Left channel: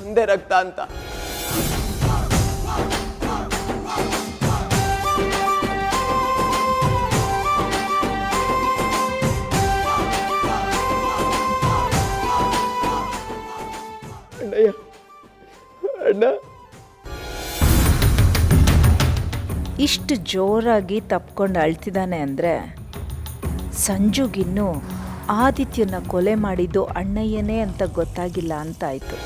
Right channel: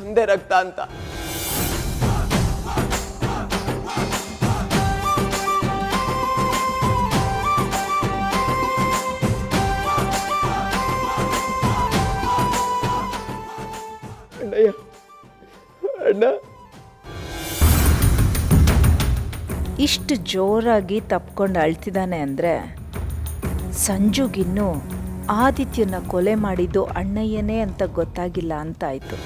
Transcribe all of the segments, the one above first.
ಒಂದೇ ರಕ್ತ ಅಂತ. ಅಣ್ಣಯ್ಯ, ಅಣ್ಣ. ಇಷ್ಟು ಜೋರಾಗಿ ತಪ್ಕೊಂಡು ಅಳ್ತಿದ್ದಾನೆ ಅಂದರೆ ಸಂಜುಗಿನ್ನೂ ಆದಿತ್ಯನ ಕೊಲೆ ಮಾಡಿದ್ದು ಅಣ್ಣಯ್ಯನೇ ಅಂತ ಗೊತ್ತಾಗಿಲ್ಲ ಅಂತಾಯಿತು.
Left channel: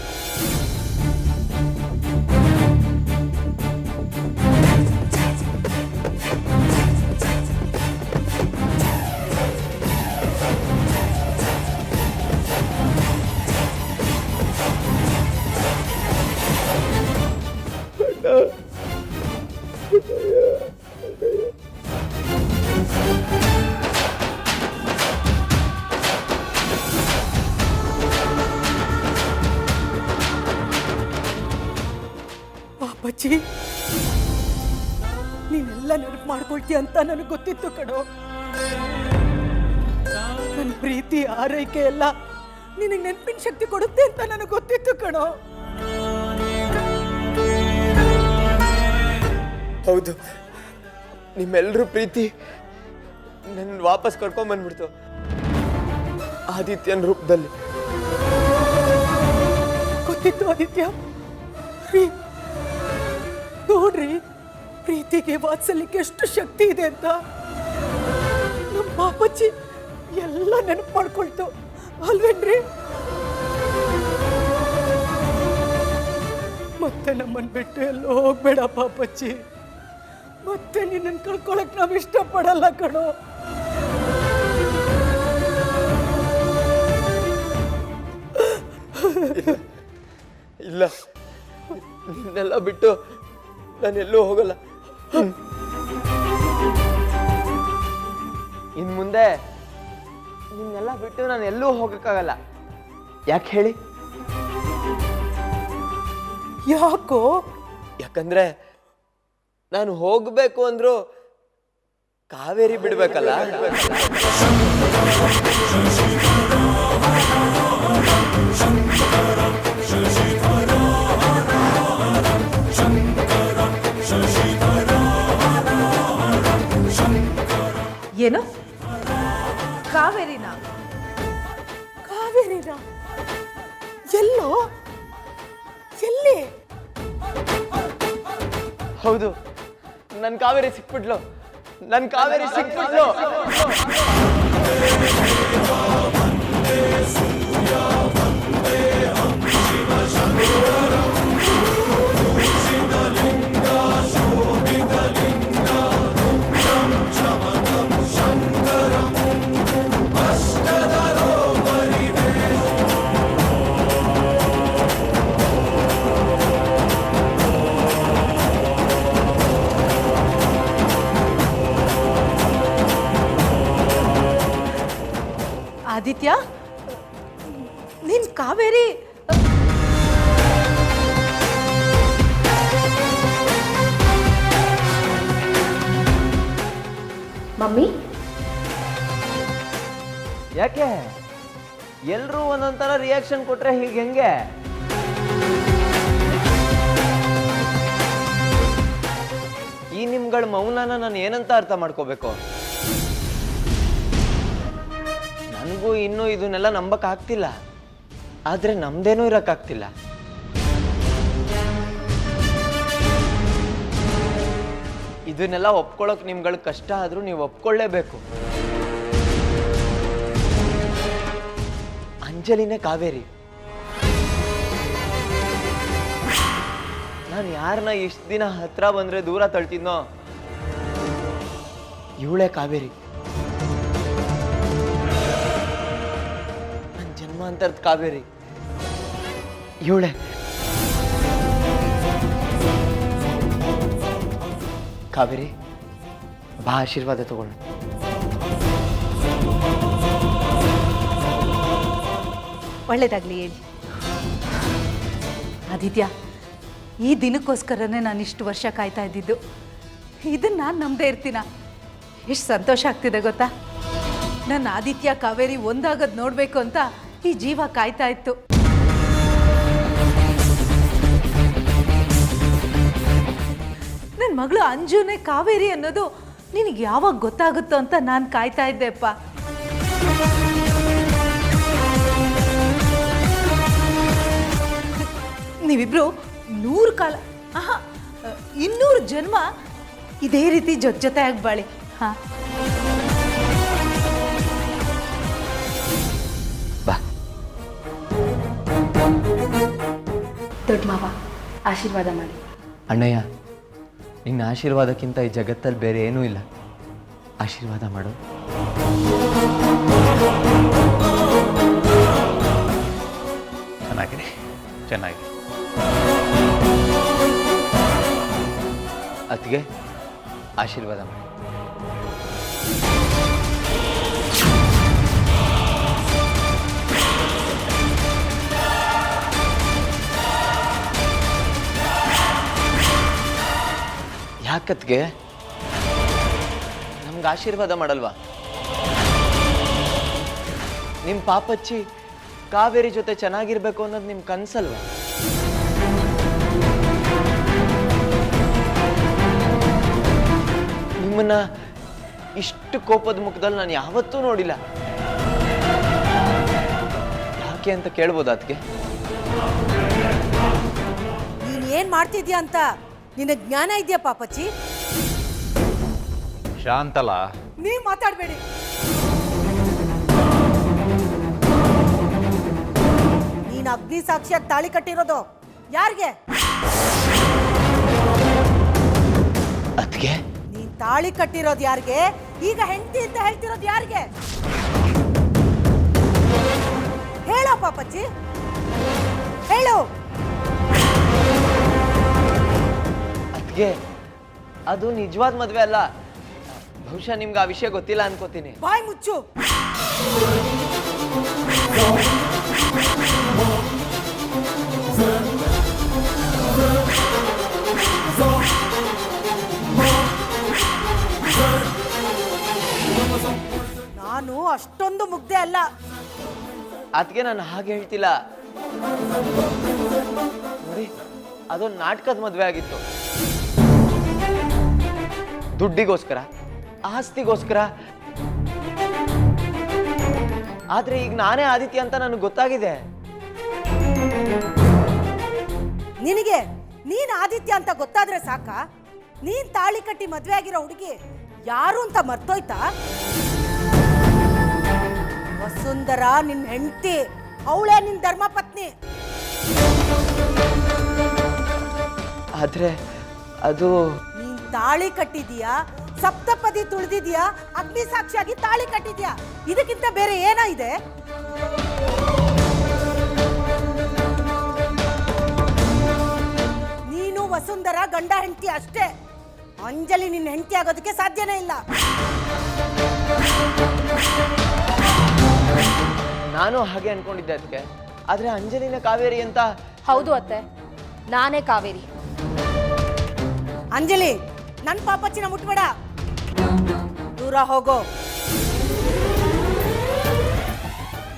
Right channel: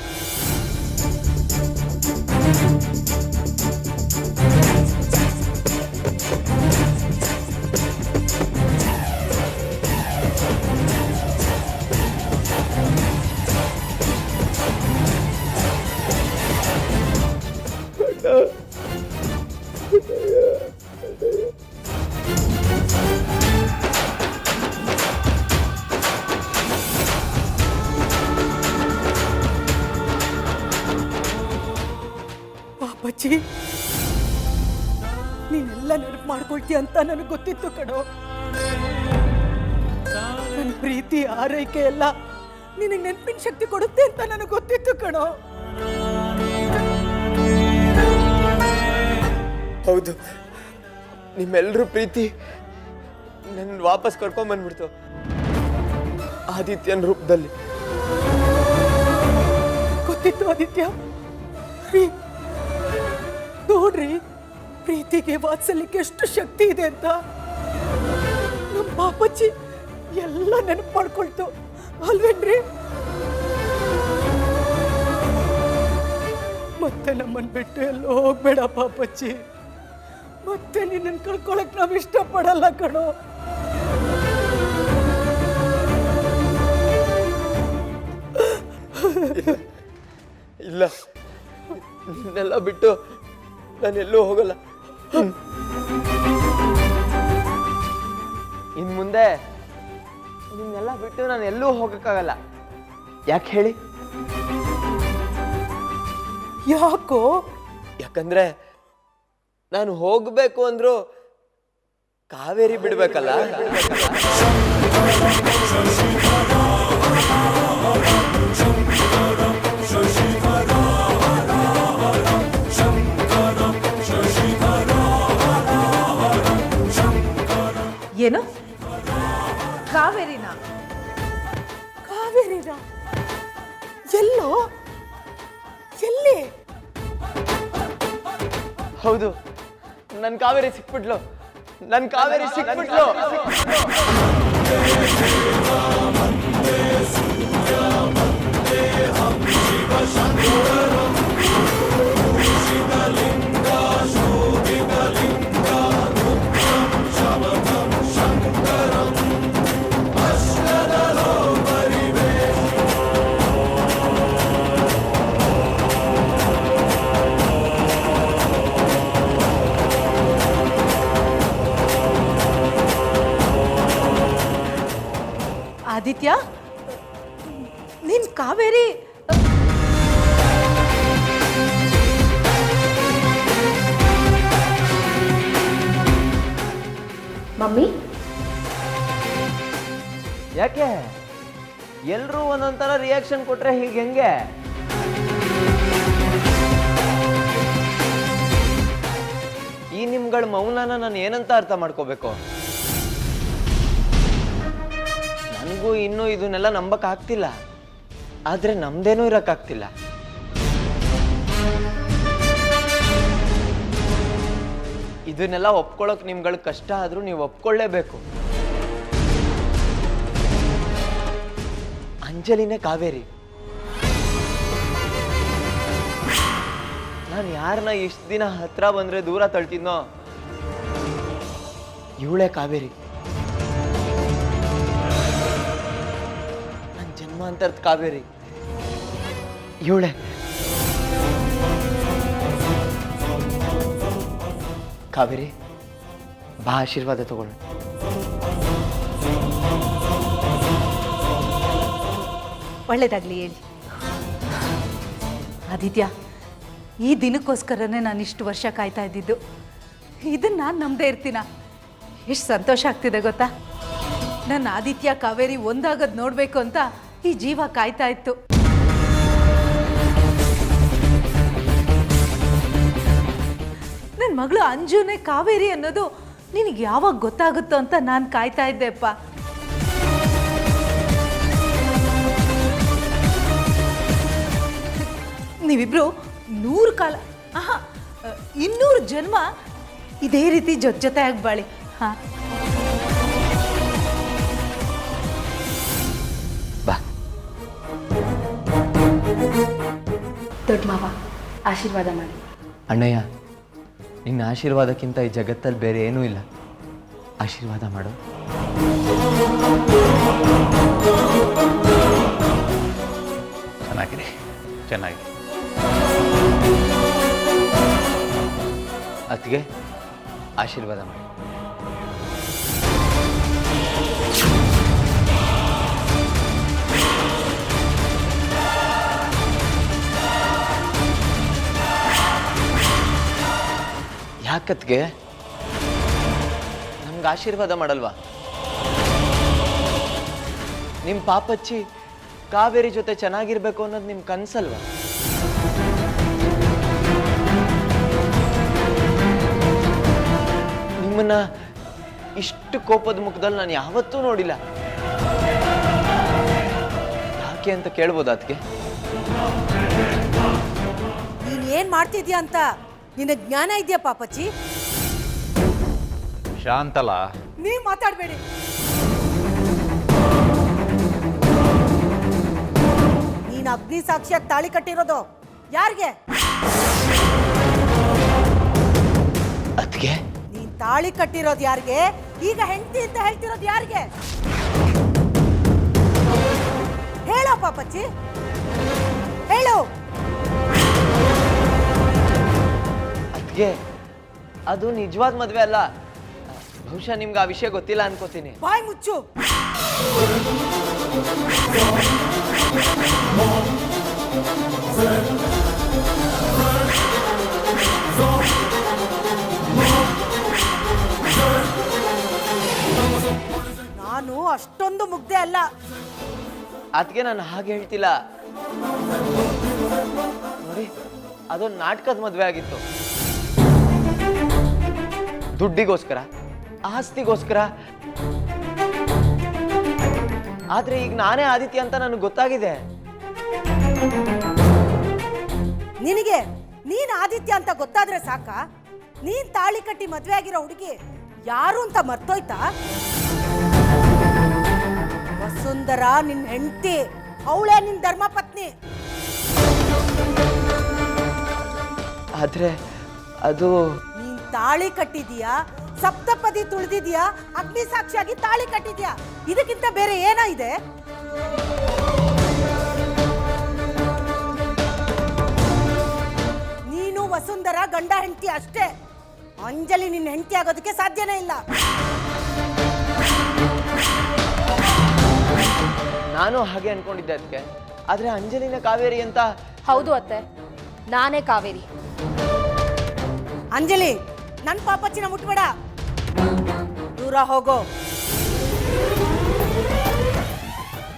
ಪಾಪಚ್ಚಿ, ನೀನೆಲ್ಲ ನೆನಪು ಮಾಡ್ಕೊಳ್ತೀಯ ಅಂತ ನನಗೆ ಗೊತ್ತಿತ್ತು ಕಣೋ. ನನ್ನ ಪ್ರೀತಿ ಆರೈಕೆ ಎಲ್ಲ ನಿನಗೆ ನೆನಪಿನ ಶಕ್ತಿ ಕೊಡುತ್ತೆ ಅಂತ ನನಗೆ ಗೊತ್ತಿತ್ತು ಕಣೋ. ಹೌದು, ನಿಮ್ಮೆಲ್ಲರೂ ಪ್ರೀತಿ ನನ್ನ ವಾಪಸ್ ಕರ್ಕೊಂಡ್ಬಂದ್ಬಿಡ್ತು ಆದಿತ್ಯನ ರೂಪದಲ್ಲಿ. ಗೊತ್ತಿತ್ತು ಆದಿತ್ಯ. ನೋಡ್ರಿ, ಪ್ರೀತಿಗೆ ವಾತ್ಸಲ್ಯಕ್ಕೆ ಎಷ್ಟು ಶಕ್ತಿ ಇದೆ ಅಂತ ನಮ್ಮ ಪಾಪಚ್ಚಿ ಎಲ್ಲ ನೆನಪು ಮಾಡ್ಕೊಳ್ತು ಅಲ್ವೇನ್ರಿ? ಮತ್ತೆ ನಮ್ಮನ್ನು ಬಿಟ್ಟು ಎಲ್ಲೋ ಹೋಗ್ಬೇಡ ಪಾಪಚ್ಚಿ. ಮತ್ತೆ ನಿನ್ನನ್ನು ಕಳ್ಕೊಳಕ್ ನಾವು ಇಷ್ಟಪಡಲ್ಲ ಕಣೋ. ಇಲ್ಲ, ನಿನ್ನೆಲ್ಲ ಬಿಟ್ಟು ನಾನೆಲ್ಲೂ ಹೋಗಲ್ಲ. ಇನ್ ಮುಂದೆ ನಿನ್ನೆಲ್ಲ ಬಿಟ್ಟು ನಾನು ಎಲ್ಲೂ ಹೋಗಕ್ಕಾಗಲ್ಲ. ಯಾಕೆ ಹೇಳಿ? ಯಾಕೋ? ಯಾಕಂದ್ರೆ ನಾನು ಹೋಗ್ಬೇಕು ಅಂದ್ರು ಕಾವೇರಿ ಬಿಡ್ಬೇಕಲ್ಲ. ಏನು? ಕಾವೇರಿನ? ಕಾವೇರಿನ? ಎಲ್ಲೋ? ಎಲ್ಲಿ? ಹೌದು, ನನ್ ಕಾವೇರಿ ಸಿಕ್ಬಿಟ್ಲು. ನನ್ ಕಾವೇರಿ ಸಿಕ್ಬಿಟ್ಲು. ಆದಿತ್ಯ, ನೀನ್ ಕಾವೇರಿ ಮಮ್ಮಿ? ಯಾಕೆ ಎಲ್ರೂ ಒಂದೊಂಥರ ರಿಯಾಕ್ಷನ್ ಕೊಟ್ರೆ ಹೀಗೆ ಹೆಂಗೆ? ಈ ನಿಮ್ಗಳ ಮೌನನ ನಾನು ಏನಂತ ಅರ್ಥ ಮಾಡ್ಕೋಬೇಕು? ನನಗೂ ಇನ್ನೂ ಇದನ್ನೆಲ್ಲ ನಂಬಕ್ ಆಗ್ತಿಲ್ಲ, ಆದ್ರೆ ನಮ್ದೇನೂ ಇರಕ್ಕಾಗ್ತಿಲ್ಲ. ಇದನ್ನೆಲ್ಲ ಒಪ್ಕೊಳ್ಳೋಕೆ ನಿಮ್ಗಳ ಕಷ್ಟ ಆದ್ರೂ ನೀವು ಒಪ್ಕೊಳ್ಳೇಬೇಕು. ಅಂಜಲಿನೇ ಕಾವೇರಿ. ನಾನು ಯಾರನ್ನ ಇಷ್ಟು ದಿನ ಹತ್ರ ಬಂದ್ರೆ ದೂರ ತಳ್ತಿದ್ನೋ, ಇವಳೇ ಕಾವೇರಿ. ನನ್ನ ಜನ್ಮಾಂತರದ ಕಾವೇರಿ ಇವಳೇ. ಕಾವೇರಿ, ಬಾ ಆಶೀರ್ವಾದ ತಗೊಳ್ಳ. ಒಳ್ಳೇದಾಗ್ಲಿ ಹೇಳಿ. ಆದಿತ್ಯ, ಈ ದಿನಕ್ಕೋಸ್ಕರನೇ ನಾನು ಇಷ್ಟು ವರ್ಷ ಕಾಯ್ತಾ ಇದ್ದಿದ್ದು. ಇದನ್ನು ನಾನು ನಂಬದೇ ಇರ್ತೀನ? ಎಷ್ಟು ಸಂತೋಷ ಆಗ್ತಿದೆ ಗೊತ್ತಾ? ನನ್ನ ಆದಿತ್ಯ ಕಾವೇರಿ ಒಂದಾಗದು ನೋಡಬೇಕು ಅಂತ ಈ ಜೀವ ಕಾಯ್ತಾ ಇತ್ತು. ಮಗಳು ಅಂಜುನೇ ಕಾವೇರಿ ಅನ್ನೋದು ನಿನಗೆ ಯಾವಾಗ ಗೊತ್ತಾಗುತ್ತೋ ಅಂತ ನಾನು ಕಾಯ್ತಾ ಇದ್ದೆಪ್ಪ. ನೀವಿಬ್ರು 100 ಕಾಲ 200 ಜನ್ಮ ಇದೇ ರೀತಿ ಜೊತೆಯಾಗಿ ಬಾಳಿ. ಹಾಂ ಬಾ. ದೊಡ್ಡ ಮಾವ ಆಶೀರ್ವಾದ ಮಾಡಿ. ಅಣ್ಣಯ್ಯ, ನಿನ್ನ ಆಶೀರ್ವಾದಕ್ಕಿಂತ ಈ ಜಗತ್ತಲ್ಲಿ ಬೇರೆ ಏನೂ ಇಲ್ಲ. ಆಶೀರ್ವಾದ ಮಾಡು. ಚೆನ್ನಾಗಿದೆ, ಚೆನ್ನಾಗಿ. ಅತ್ತಿಗೆ ಆಶೀರ್ವಾದ ಮಾಡಿ. ಯಾಕತ್ಗೆ ನಮ್ಗೆ ಆಶೀರ್ವಾದ ಮಾಡಲ್ವಾ? ನಿಮ್ಮ ಪಾಪಚ್ಚಿ ಕಾವೇರಿ ಜೊತೆ ಚೆನ್ನಾಗಿರ್ಬೇಕು ಅನ್ನೋದು ನಿಮ್ಮ ಕನ್ಸಲ್ವಾ? ನಿಮ್ಮನ್ನ ಇಷ್ಟು ಕೋಪದ ಮುಖದಲ್ಲಿ ನಾನು ಯಾವತ್ತೂ ನೋಡಿಲ್ಲ. ಯಾಕೆ ಅಂತ ಕೇಳ್ಬೋದಾ ಅದಕ್ಕೆ? ನೀನ್ ಏನ್ ಮಾಡ್ತಿದ್ಯಾ ಅಂತ ನಿನಗೆ ಜ್ಞಾನ ಇದೆಯಾ ಪಾಪಚ್ಚಿ? ಶಾಂತಲ, ನೀವ್ ಮಾತಾಡ್ಬೇಡಿ. ನೀನ್ ಅಗ್ನಿ ಸಾಕ್ಷಿಯಾಗಿ ತಾಳಿ ಕಟ್ಟಿರೋದು ಯಾರಿಗೆ? ಅದಕ್ಕೆ ನೀನ್ ತಾಳಿ ಕಟ್ಟಿರೋದು ಯಾರಿಗೆ? ಈಗ ಹೆಂಡತಿ ಅಂತ ಹೇಳ್ತಿರೋದು ಯಾರಿಗೆ? ಹೇಳೋ ಪಾಪಚ್ಚಿ, ಹೇಳು. ಅದಕ್ಕೆ ಅದು ನಿಜವಾದ ಮದುವೆ ಅಲ್ಲ. ಬಹುಶಃ ನಿಮ್ಗೆ ಆ ವಿಷಯ ಗೊತ್ತಿಲ್ಲ ಅನ್ಕೋತೀನಿ. ಬಾಯ್ ಮುಚ್ಚು. ನಾನು ಅಷ್ಟೊಂದು ಮುಗ್ದೆ ಅಲ್ಲ. ಅದಕ್ಕೆ ನಾನು ಹಾಗೆ ಹೇಳ್ತಿಲ್ಲ ನೋಡಿ. ಅದೊಂದು ನಾಟಕದ ಮದುವೆ ಆಗಿತ್ತು. ದುಡ್ಡಿಗೋಸ್ಕರ, ಆಸ್ತಿಗೋಸ್ಕರ. ಆದ್ರೆ ಈಗ ನಾನೇ ಆದಿತ್ಯ ಅಂತ ನನಗೆ ಗೊತ್ತಾಗಿದೆ. ನಿನಗೆ ನೀನ್ ಆದಿತ್ಯ ಅಂತ ಗೊತ್ತಾದ್ರೆ ಸಾಕ? ನೀನ್ ತಾಳಿ ಕಟ್ಟಿ ಮದ್ವೆ ಆಗಿರೋ ಹುಡುಗಿ ಯಾರು ಅಂತ ಮರ್ತೋಯ್ತಾ? ವಸುಂಧರಾ ನಿನ್ ಹೆಂಡತಿ, ಅವಳೇ ನಿನ್ ಧರ್ಮ ಪತ್ನಿ. ಆದ್ರೆ ಅದು ನೀನ್ ತಾಳಿ ಕಟ್ಟಿದೀಯಾ, ಸಪ್ತಪದಿ ತುಳಿದಿದ್ಯಾ, ಅಗ್ನಿ ಸಾಕ್ಷಿಯಾಗಿ ತಾಳಿ ಕಟ್ಟಿದ್ಯಾ. ಇದಕ್ಕಿಂತ ಬೇರೆ ಏನ ಇದೆ? ನೀನು ವಸುಂಧರಾ ಗಂಡ ಹೆಂಡತಿ ಅಷ್ಟೇ. ಅಂಜಲಿ ನಿನ್ನ ಹೆಂಡತಿ ಆಗೋದಕ್ಕೆ ಸಾಧ್ಯನೇ ಇಲ್ಲ. ನಾನು ಹಾಗೆ ಅನ್ಕೊಂಡಿದ್ದೆ ಅದಕ್ಕೆ. ಆದ್ರೆ ಅಂಜಲಿನ ಕಾವೇರಿ ಅಂತ. ಹೌದು ಅತ್ತೆ, ನಾನೇ ಕಾವೇರಿ. ಅಂಜಲಿ, ನನ್ ಪಾಪಚ್ಚಿನ ಮುಟ್ಬೇಡ. ದೂರ ಹೋಗೋ,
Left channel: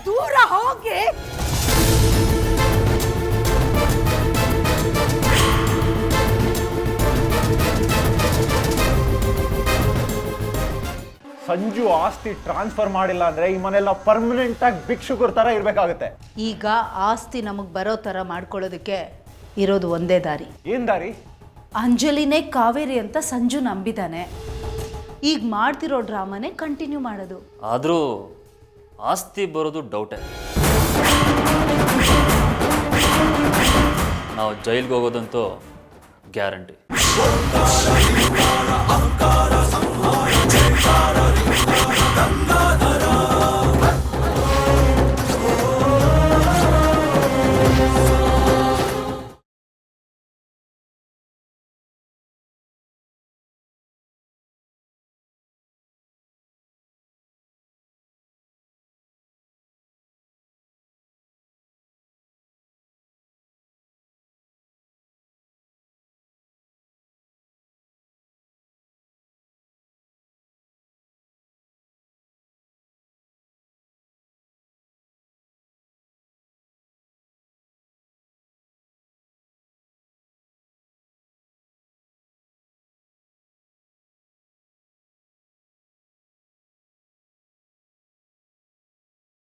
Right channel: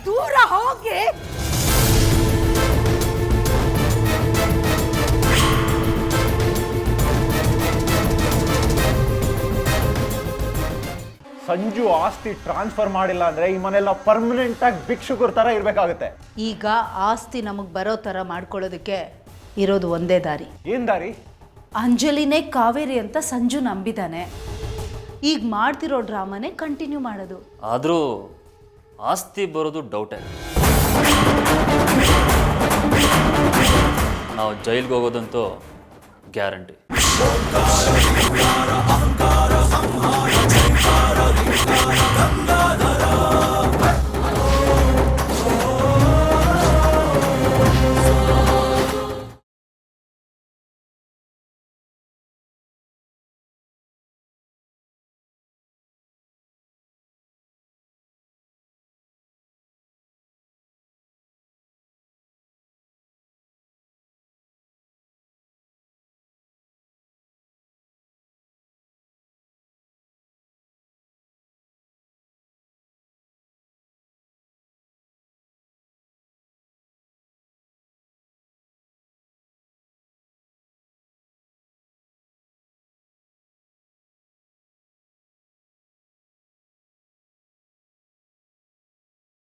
ದೂರ ಹೋಗಿ. ಸಂಜು ಆಸ್ತಿ ಟ್ರಾನ್ಸ್ಫರ್ ಮಾಡಿಲ್ಲ ಅಂದ್ರೆ ಈ ಮನೆಲ್ಲ ಪರ್ಮನೆಂಟ್ ಆಗಿ ಭಿಕ್ಷುಕರ ತರ ಇರ್ಬೇಕಾಗುತ್ತೆ. ಈಗ ಆಸ್ತಿ ನಮಗೆ ಬರೋ ಥರ ಮಾಡ್ಕೊಳ್ಳೋದಕ್ಕೆ ಇರೋದು ಒಂದೇ ದಾರಿ. ಏನ್ ದಾರಿ? ಅಂಜಲಿನೇ ಕಾವೇರಿ ಅಂತ ಸಂಜು ನಂಬಿದ್ದಾನೆ. ಈಗ ಮಾಡ್ತಿರೋ ಡ್ರಾಮಾನೇ ಕಂಟಿನ್ಯೂ ಮಾಡೋದು. ಆದರೂ ಆಸ್ತಿ ಬರೋದು ಡೌಟೇ. ನಾವು ಜೈಲ್ಗೆ ಹೋಗೋದಂತೂ ಗ್ಯಾರಂಟಿ.